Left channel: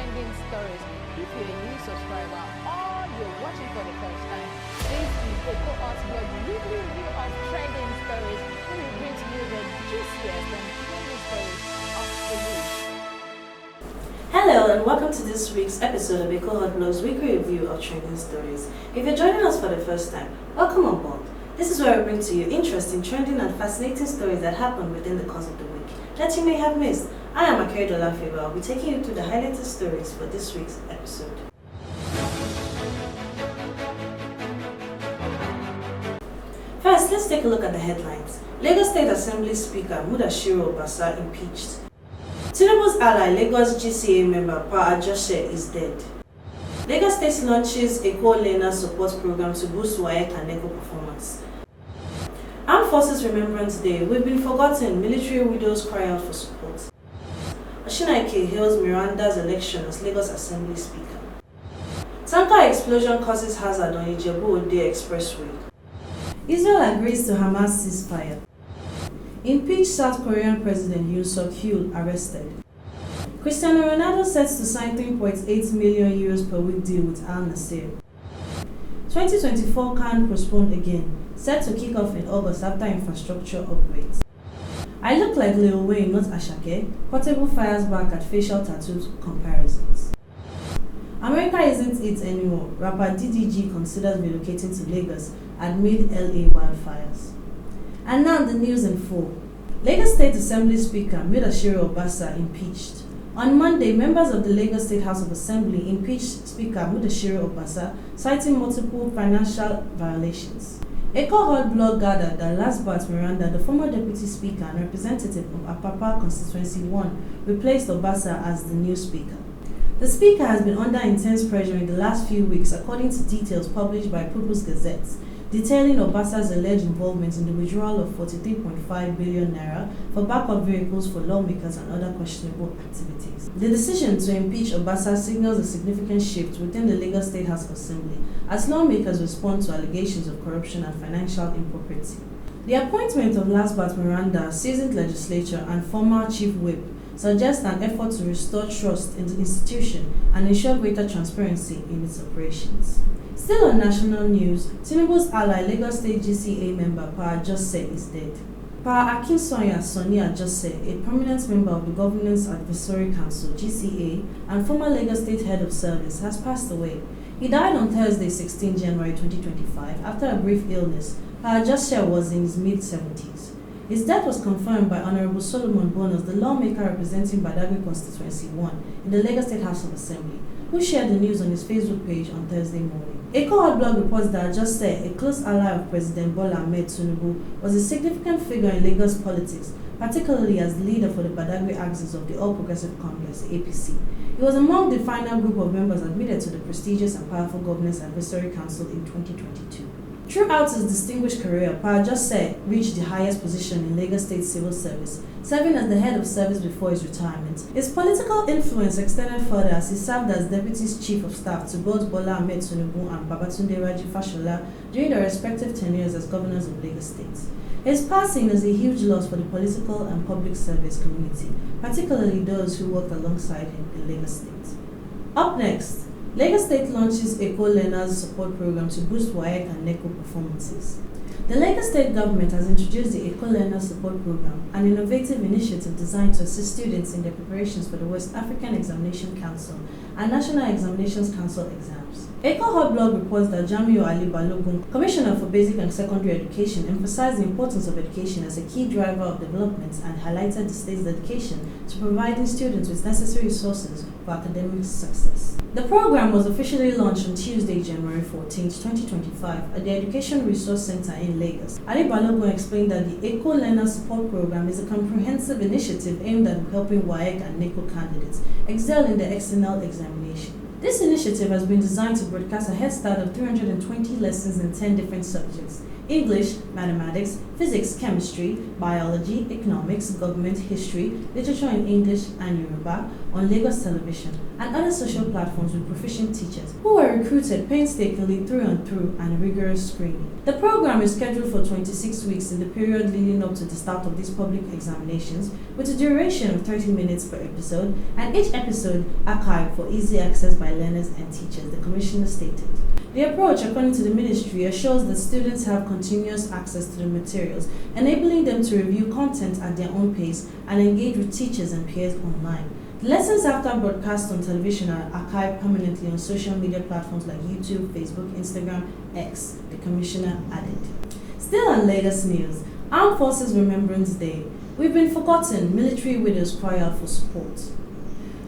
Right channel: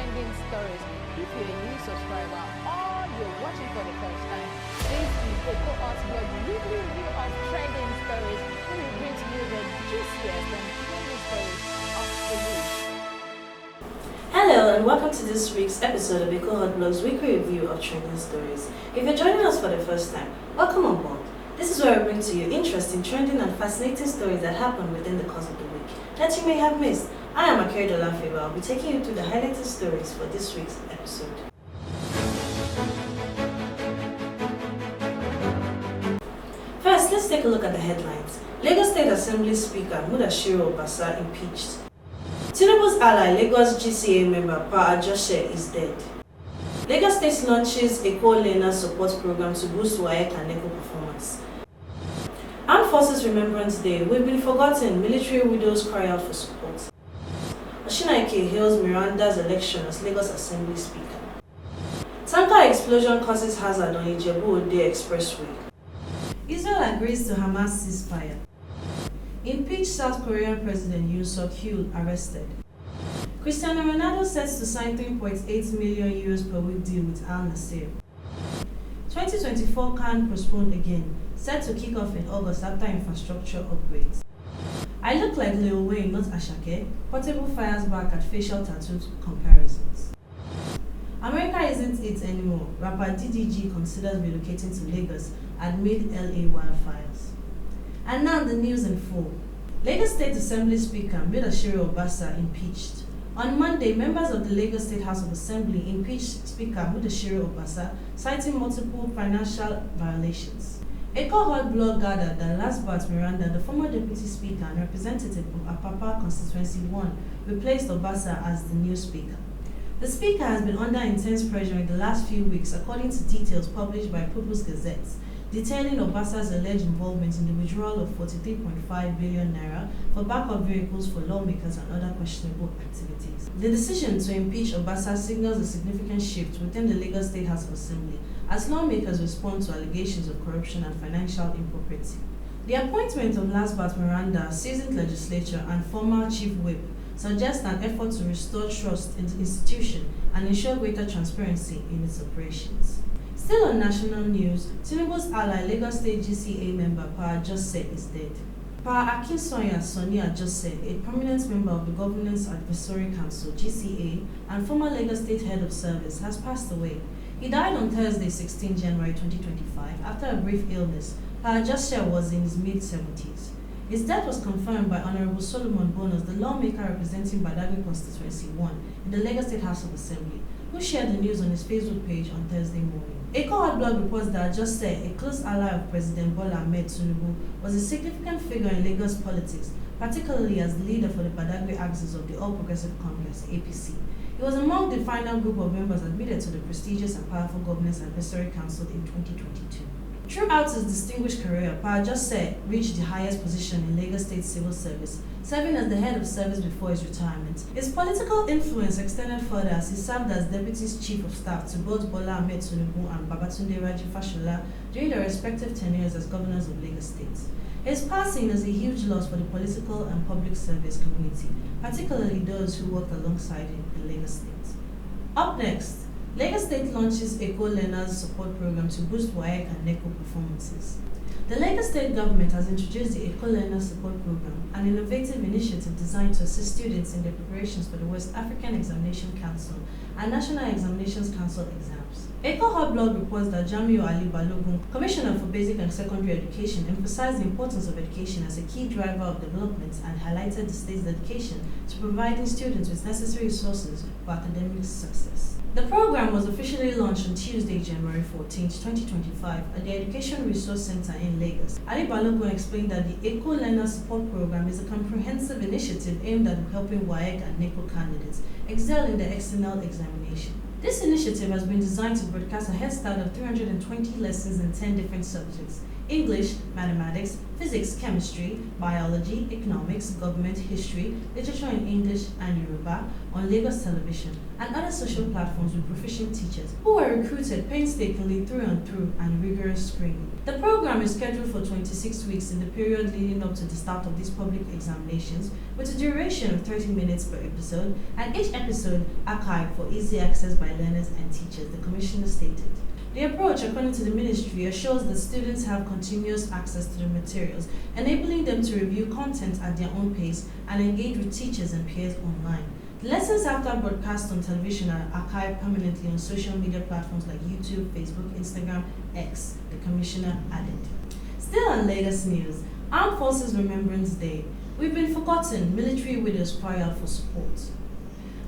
trending stories. If you're a new subscriber or you're watching for the first time, this is the Cohort Blog weekly review of trending stories, where we bring to you the juiciest and trending stories of the week. Hello and welcome to this week's episode of the Cohort Blog's weekly review of trending stories. If you're joining us for the first time, welcome on board. This is where we bring to you interesting, trending and fascinating stories that happen within the course of the week that you may have missed. I am Akere Dolafewa. I'll be taking you through the highlighted stories for this week's episode. First, let's take a look at the headlines. Lagos State Assembly Speaker Mudashiru Obasa impeached. Tinubu's ally, Lagos GCA member Ajose is dead. Lagos State launches a co-learner support program to boost WAEC and NECO performance. Armed Forces Renembrance Day, we've been forgotten, military widows cry out for support. Osinaike hails Meranda's election as Lagos Assembly Speaker. Tanker explosion causes hazard on Epe-Ijebu Expressway. Israel agrees to Hamas ceasefire. Impeached South Korean President Yoon arrested. Cristiano Ronaldo sets to sign €3.8 million per week deal with Nassr. 2024 CAN postponed again, set to kick off in August after infrastructure upgrades. I look like Yeol, not Asake. Portable fires back at facial tattoo comparisons. America isn't it anymore. Rapper DDG considers relocating to Lagos amid LA wildfires. And now the news in full. Lagos State Assembly Speaker Mudashiru Obasa impeached. On Monday, members of the Lagos State House of Assembly impeached Speaker Mudashiru Obasa, citing multiple financial violations. A Cohort Blog gathered that last bat Meranda, the former deputy speaker and representative of Apapa Constituency 1, replaced Obasa as the new speaker. The speaker has been under intense pressure in the last few weeks, according to details published by People's Gazette, detailing Obasa's alleged involvement in the withdrawal of 43.5 billion naira for backup vehicles for lawmakers and other questionable activities. The decision to impeach Obasa signals a significant shift within the Lagos State House of Assembly as lawmakers respond to allegations of corruption and financial impropriety. The appointment of last but Meranda, seasoned legislator and former chief whip, suggests an effort to restore trust in the institution and ensure greater transparency in its operations. Still on national news, Tinubu's ally, Lagos State GCA member Ajose is dead. Ajose, a prominent member of the Governance Advisory Council (GCA) and former Lagos State Head of Service, has passed away. He died on Thursday, 16 January 2025, after a brief illness. Ajose was in his mid-70s. His death was confirmed by Honorable Solomon Bonus, the lawmaker representing Badagry Constituency 1 in the Lagos State House of Assembly, who shared the news on his Facebook page on Thursday morning. A Cohort Blog reports that Ajose, a close ally of President Bola Ahmed Tinubu, was a significant figure in Lagos politics, particularly as the leader for the Badagry axis of the All Progressive Congress, APC. He was among the final group of members admitted to the prestigious and powerful Governance Advisory Council in 2022. Throughout his distinguished career, Ajose reached the highest position in Lagos State civil service, serving as the head of service before his retirement. His political influence extended further as he served as Deputy Chief of Staff to both Bola Ahmed Tinubu and Babatunde Raji Fashola during their respective tenures as governors of Lagos State. His passing is a huge loss for the political and public service community, particularly those who worked alongside him in Lagos State. Up next, Lagos State launches a co-learners support program to boost WAEC and NECO performances. The Lagos State government has introduced the Eco-Learner Support Program, an innovative initiative designed to assist students in their preparations for the West African Examination Council and National Examinations Council exams. Cohort Blog reports that Jamiu Ali Balogun, Commissioner for Basic and Secondary Education, emphasized the importance of education as a key driver of development and highlighted the state's dedication to providing students with necessary resources for academic success. The program was officially launched on Tuesday, January 14, 2025, at the Education Resource Center in Lagos. Ali Balogun explained that the Eco-Learner Support Program is a comprehensive initiative aimed at helping WAEC and NECO candidates excel in their external examination. This initiative has been designed to broadcast a head start of 320 lessons in 10 different subjects, English, mathematics, physics, chemistry, biology, economics, government, history, literature in English and Yoruba on Lagos television and other social platforms with proficient teachers who were recruited painstakingly through and through and rigorous screening. The program is scheduled for 26 weeks in the period leading up to the start of these public examinations with a duration of 30 minutes per episode and each episode archived for easy access by learners and teachers, the Commissioner stated. The approach, according to the ministry, assures that students have continuous access to the materials, enabling them to review content at their own pace and engage with teachers and peers online. The lessons after broadcast on television are archived permanently on social media platforms like YouTube, Facebook, Instagram, X, the Commissioner added. Still on Lagos news, Armed Forces Remembrance Day. We've been forgotten, military widows cry out for support.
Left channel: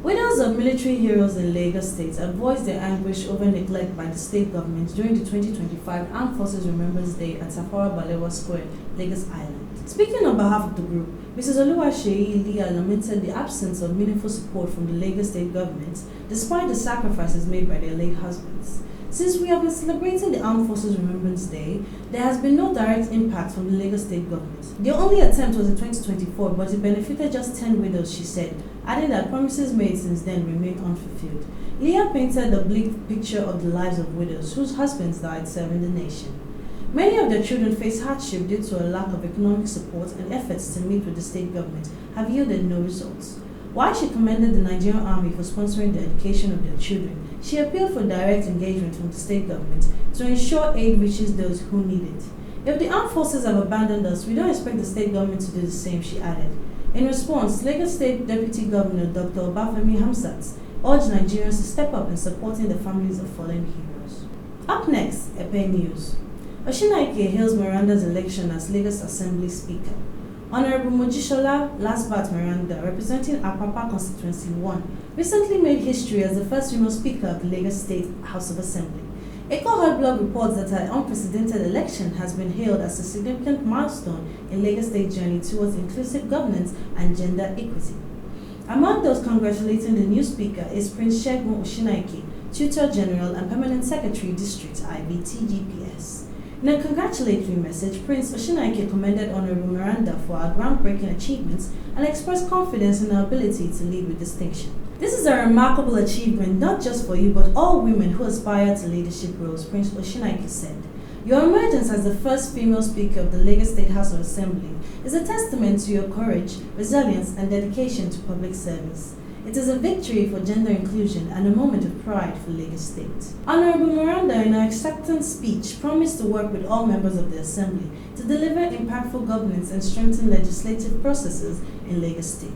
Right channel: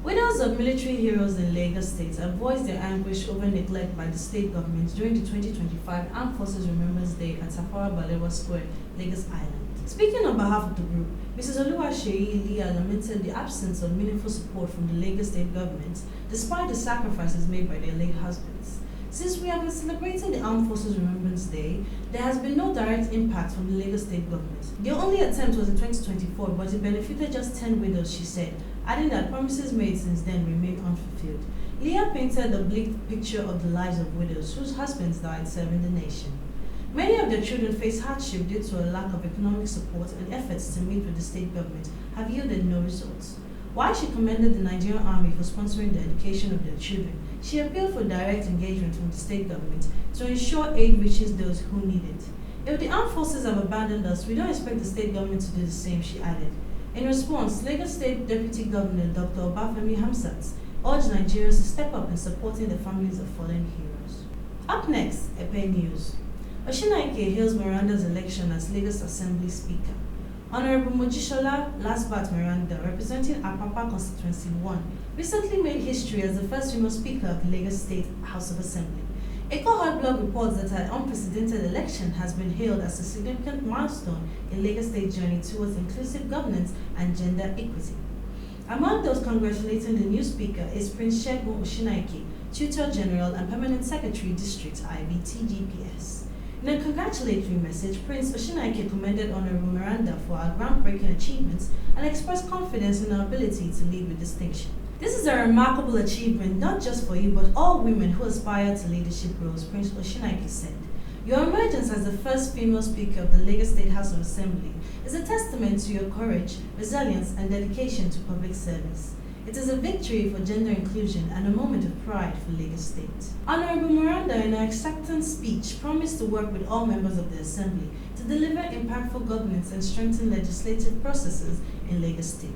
Widows of military heroes in Lagos State have voiced their anguish over neglect by the state government during the 2025 Armed Forces Remembrance Day at Tafawa Balewa Square, Lagos Island. Speaking on behalf of the group, Mrs. Oluwaseyi Iliya lamented the absence of meaningful support from the Lagos State government, despite the sacrifices made by their late husbands. Since we have been celebrating the Armed Forces Remembrance Day, there has been no direct impact from the Lagos State government. Their only attempt was in 2024, but it benefited just 10 widows, she said, adding that promises made since then remain unfulfilled. Iliya painted a bleak picture of the lives of widows whose husbands died serving the nation. Many of their children face hardship due to a lack of economic support, and efforts to meet with the state government have yielded no results. While she commended the Nigerian Army for sponsoring the education of their children, she appealed for direct engagement from the state government to ensure aid reaches those who need it. If the armed forces have abandoned us, we don't expect the state government to do the same, she added. In response, Lagos State Deputy Governor Dr. Obafemi Hamzat urged Nigerians to step up in supporting the families of fallen heroes. Up next, Epe News. Osinaike hails Meranda's election as Lagos Assembly Speaker. Honorable Mudashiru Lasbat Meranda, representing Apapa Constituency 1, recently made history as the first female Speaker of the Lagos State House of Assembly. Eco Blog reports that her unprecedented election has been hailed as a significant milestone in Lagos State's journey towards inclusive governance and gender equity. Among those congratulating the new Speaker is Prince Segun Osinaike, Tutor General and Permanent Secretary District IBTGPS. In a congratulatory message, Prince Osinaike commended Honorable Meranda for her groundbreaking achievements and expressed confidence in her ability to lead with distinction. This is a remarkable achievement not just for you but all women who aspire to leadership roles, Prince Osinaike said. Your emergence as the first female Speaker of the Lagos State House of Assembly is a testament to your courage, resilience and dedication to public service. It is a victory for gender inclusion and a moment of pride for Lagos State. Honorable Meranda, in her acceptance speech, promised to work with all members of the Assembly to deliver impactful governance and strengthen legislative processes in Lagos State.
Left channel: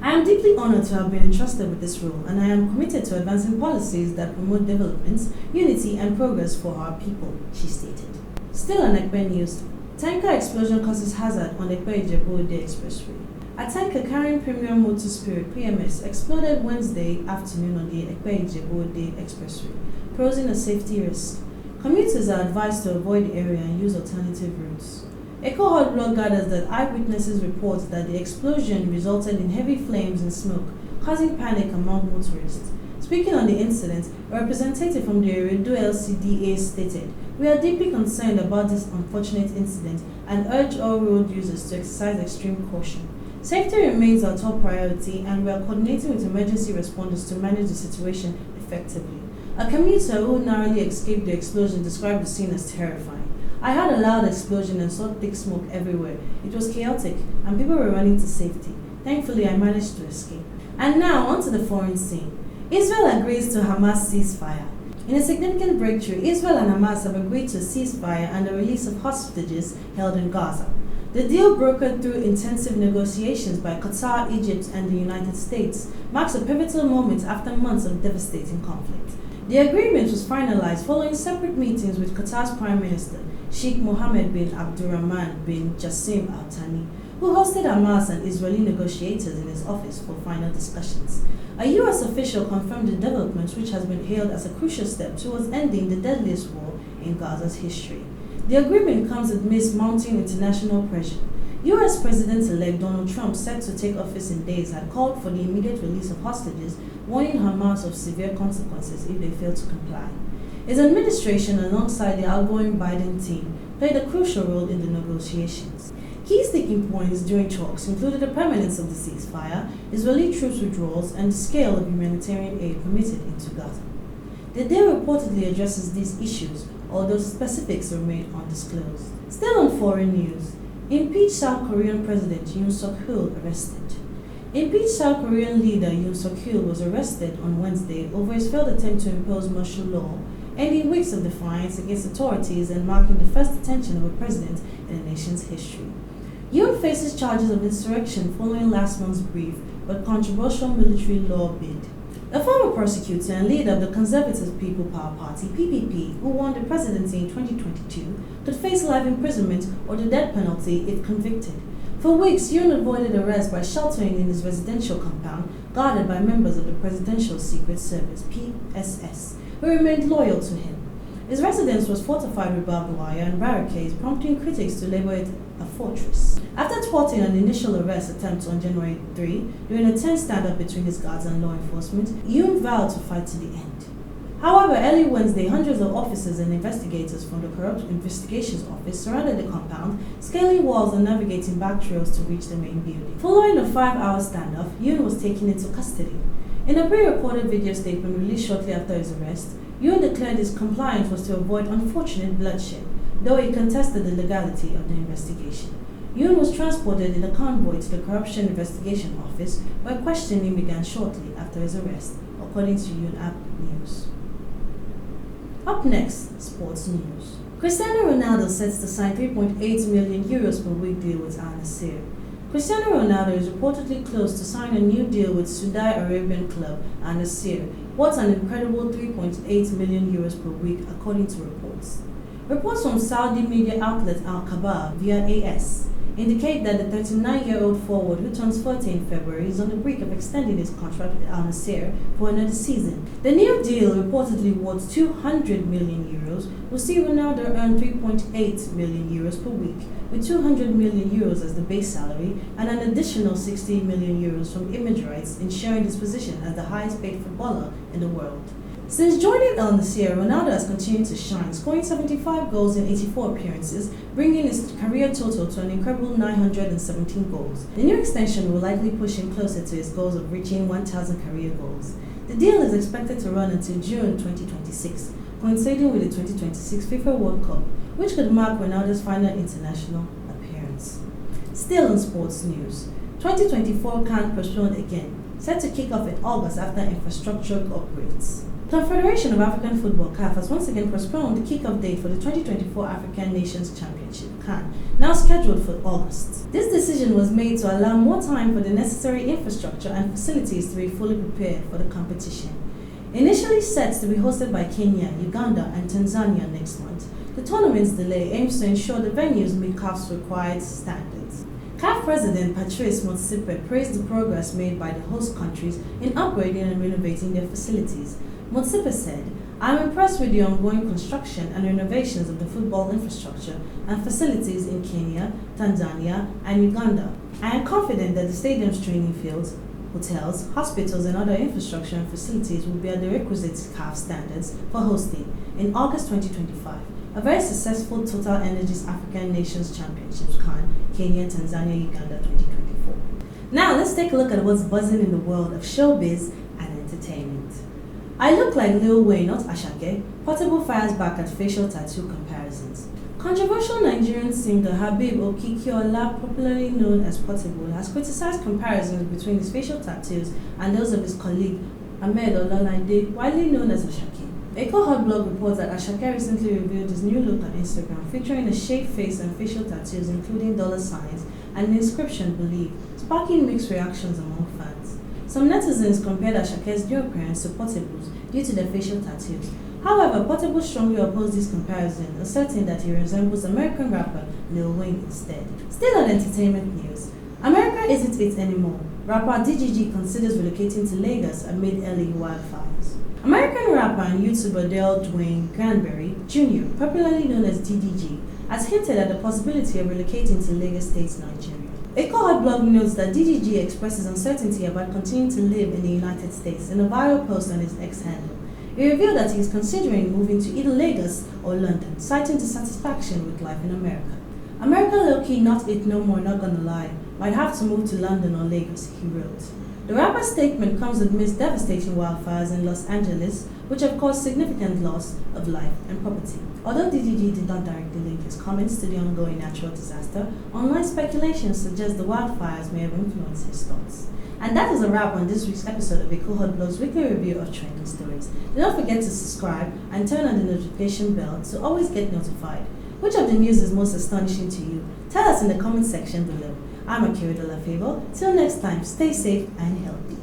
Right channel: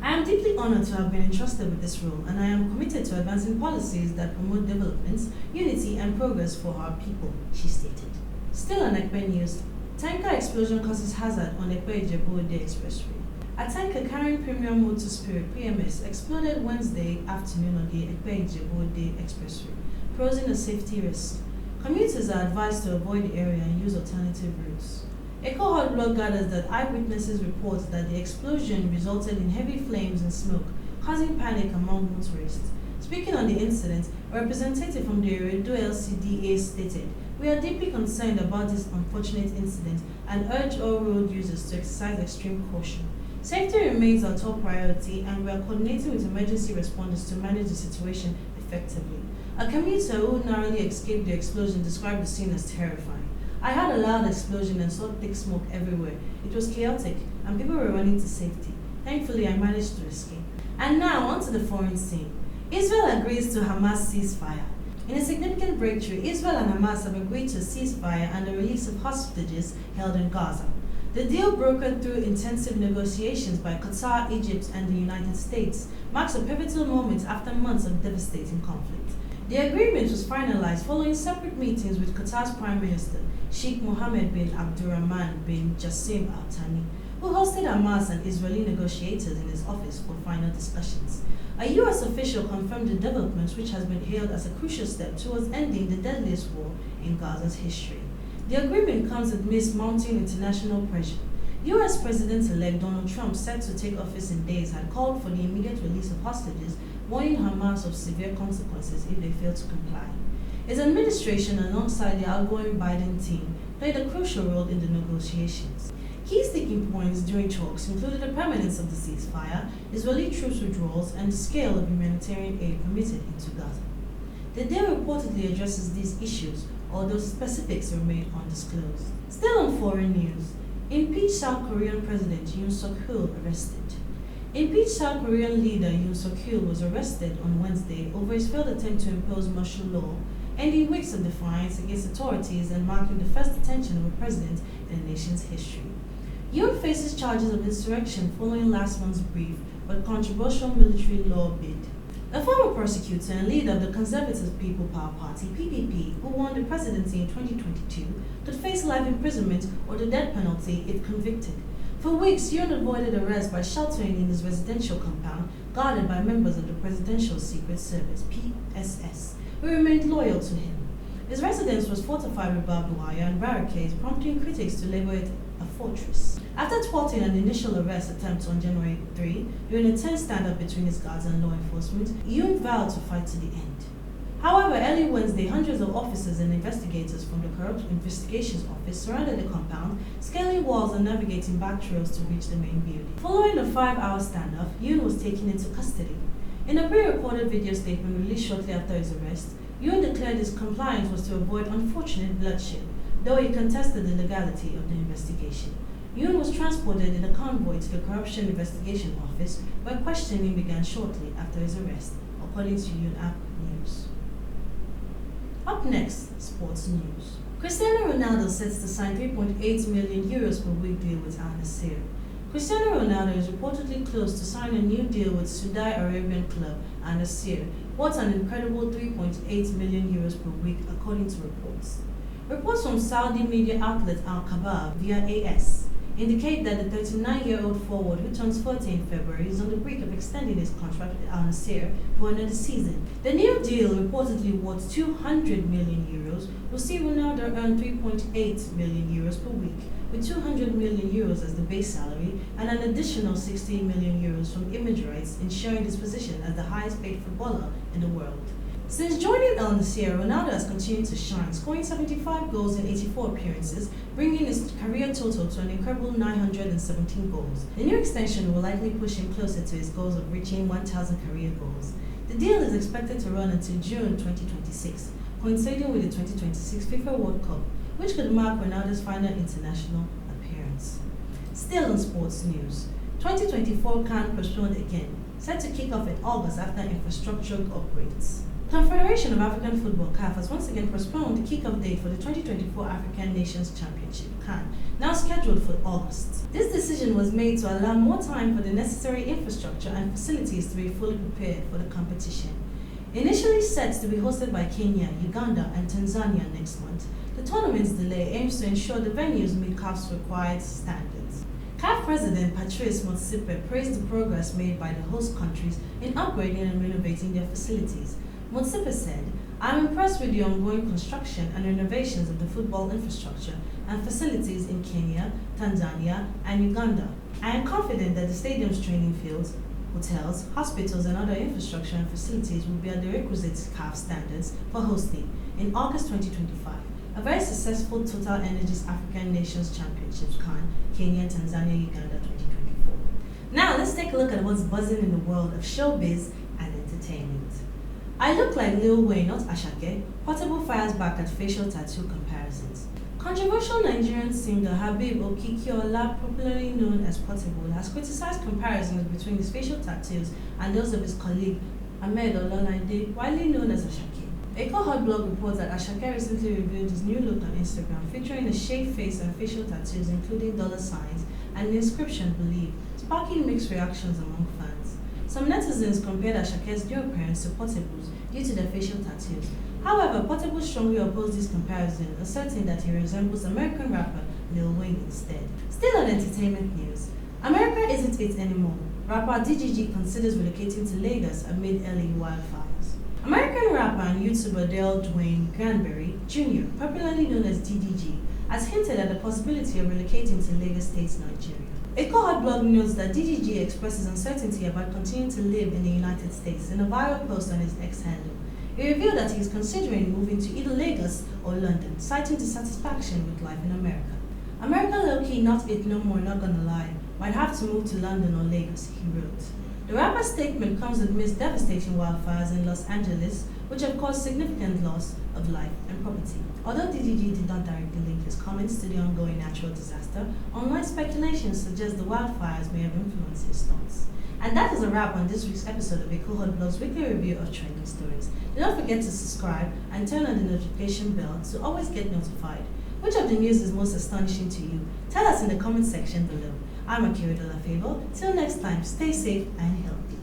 I am deeply honored to have been entrusted with this role, and I am committed to advancing policies that promote development, unity, and progress for our people, she stated. Still on Epe News, tanker explosion causes hazard on Epe-Ijebu Expressway. A tanker carrying Premium Motor Spirit (PMS) exploded Wednesday afternoon on the Epe-Ijebu Expressway, posing a safety risk. Commuters are advised to avoid the area and use alternative routes. Eco Blog gathers that eyewitnesses report that the explosion resulted in heavy flames and smoke, causing panic among motorists. Speaking on the incident, a representative from the Eredo LCDA stated, "We are deeply concerned about this unfortunate incident and urge all road users to exercise extreme caution. Safety remains our top priority, and we are coordinating with emergency responders to manage the situation effectively." A commuter who narrowly escaped the explosion described the scene as terrifying. "I heard a loud explosion and saw thick smoke everywhere. It was chaotic, and people were running to safety. Thankfully, I managed to escape." And now, onto the foreign scene. Israel agrees to Hamas ceasefire. In a significant breakthrough, Israel and Hamas have agreed to a ceasefire and the release of hostages held in Gaza. The deal, brokered through intensive negotiations by Qatar, Egypt, and the United States, marks a pivotal moment after months of devastating conflict. The agreement was finalized following separate meetings with Qatar's Prime Minister, Sheikh Mohammed bin Abdurrahman bin Jassim Al Thani, who hosted Hamas and Israeli negotiators in his office for final discussions. A U.S. official confirmed the developments, which has been hailed as a crucial step towards ending the deadliest war in Gaza's history. The agreement comes amidst mounting international pressure. U.S. President-elect Donald Trump, set to take office in days, had called for the immediate release of hostages, warning Hamas of severe consequences if they fail to comply. His administration, alongside the outgoing Biden team, played a crucial role in the negotiations. Key sticking points during talks included the permanence of the ceasefire, Israeli troops withdrawals, and the scale of humanitarian aid permitted into Gaza. The deal reportedly addresses these issues, although specifics remain undisclosed. Still on foreign news, impeached South Korean President Yoon Suk-yeol arrested. Impeached South Korean leader Yoon Suk-yeol was arrested on Wednesday over his failed attempt to impose martial law, ending weeks of defiance against authorities and marking the first detention of a president in the nation's history. Yoon faces charges of insurrection following last month's brief but controversial military law bid. The former prosecutor and leader of the Conservative People Power Party, PPP, who won the presidency in 2022, could face life imprisonment or the death penalty if convicted. For weeks, Yoon avoided arrest by sheltering in his residential compound, guarded by members of the Presidential Secret Service, PSS, who remained loyal to him. His residence was fortified with barbed wire and barricades, prompting critics to label it a fortress. After thwarting an initial arrest attempt on January 3, during a tense standoff between his guards and law enforcement, Yoon vowed to fight to the end. However, early Wednesday, hundreds of officers and investigators from the Corrupt Investigations Office surrounded the compound, scaling walls and navigating back trails to reach the main building. Following a 5-hour standoff, Yoon was taken into custody. In a pre-recorded video statement released shortly after his arrest, Yoon declared his compliance was to avoid unfortunate bloodshed, though he contested the legality of the investigation. Yoon was transported in a convoy to the Corruption Investigation Office, where questioning began shortly after his arrest, according to Yoon App News. Up next, sports news. Cristiano Ronaldo sets to sign €3.8 million per week deal with Nassr. Cristiano Ronaldo is reportedly close to sign a new deal with Saudi Arabian club Nassr, worth an incredible €3.8 million per week, according to reports. Reports from Saudi media outlet Al Khabar via AS indicate that the 39-year-old forward, who turns 40 in February, is on the brink of extending his contract with Al Nassr for another season. The new deal, reportedly worth €200 million, will see Ronaldo earn €3.8 million per week, with €200 million as the base salary and an additional €60 million from image rights, ensuring his position as the highest-paid footballer in the world. Since joining Al Nassr, Ronaldo has continued to shine, scoring 75 goals in 84 appearances, bringing his career total to an incredible 917 goals. The new extension will likely push him closer to his goals of reaching 1,000 career goals. The deal is expected to run until June 2026, coinciding with the 2026 FIFA World Cup, which could mark Ronaldo's final international appearance. Still in sports news, 2024 CAN postponed again, set to kick off in August after infrastructural upgrades. The Confederation of African Football (CAF) has once again postponed the kickoff date for the 2024 African Nations Championship (CAN), now scheduled for August. This decision was made to allow more time for the necessary infrastructure and facilities to be fully prepared for the competition. Initially set to be hosted by Kenya, Uganda, and Tanzania next month, the tournament's delay aims to ensure the venues meet CAF's required standards. CAF President Patrice Motsepe praised the progress made by the host countries in upgrading and renovating their facilities. Motsepe said, "I am impressed with the ongoing construction and renovations of the football infrastructure and facilities in Kenya, Tanzania, and Uganda. I am confident that the stadium's training fields, hotels, hospitals, and other infrastructure and facilities will be at the requisite CAF standards for hosting in August 2025, a very successful Total Energies African Nations Championships (CAN) Kenya, Tanzania, Uganda 2024. Now let's take a look at what's buzzing in the world of showbiz and entertainment. I look like Lil Wayne, not Asake. Portable fires back at facial tattoo comparisons. Controversial Nigerian singer Habib Okikiola, popularly known as Portable, has criticized comparisons between his facial tattoos and those of his colleague Ahmed Ololade, widely known as Asake. Eco Hot Blog reports that Asake recently revealed his new look on Instagram, featuring a shaved face and facial tattoos including dollar signs and the inscription "Believe," sparking mixed reactions among fans. Some netizens compared Asake's new appearance to Portable's due to their facial tattoos. However, Portable strongly opposed this comparison, asserting that he resembles American rapper Lil Wayne instead. Still on entertainment news, America isn't it anymore. Rapper DGG considers relocating to Lagos amid LA wildfires. American rapper and YouTuber Dale Dwayne Granberry Jr., popularly known as DDG, has hinted at the possibility of relocating to Lagos State, Nigeria. Eco Hot Blog notes that DDG expresses uncertainty about continuing to live in the United States in a viral post on his X handle. He revealed that he is considering moving to either Lagos or London, citing dissatisfaction with life in America. America low-key not it no more, not gonna lie. Might have to move to London or Lagos, he wrote. The rapper's statement comes amidst devastating wildfires in Los Angeles, which have caused significant loss of life and property. Although DDG did not directly link his comments to the ongoing natural disaster, online speculation suggests the wildfires may have influenced his thoughts. And that is a wrap on this week's episode of Ecohot Blog's weekly review of trending stories. Do not forget to subscribe and turn on the notification bell to always get notified. Which of the news is most astonishing to you? Tell us in the comment section below. I'm Akira Dolafebo. Till next time, stay safe and healthy.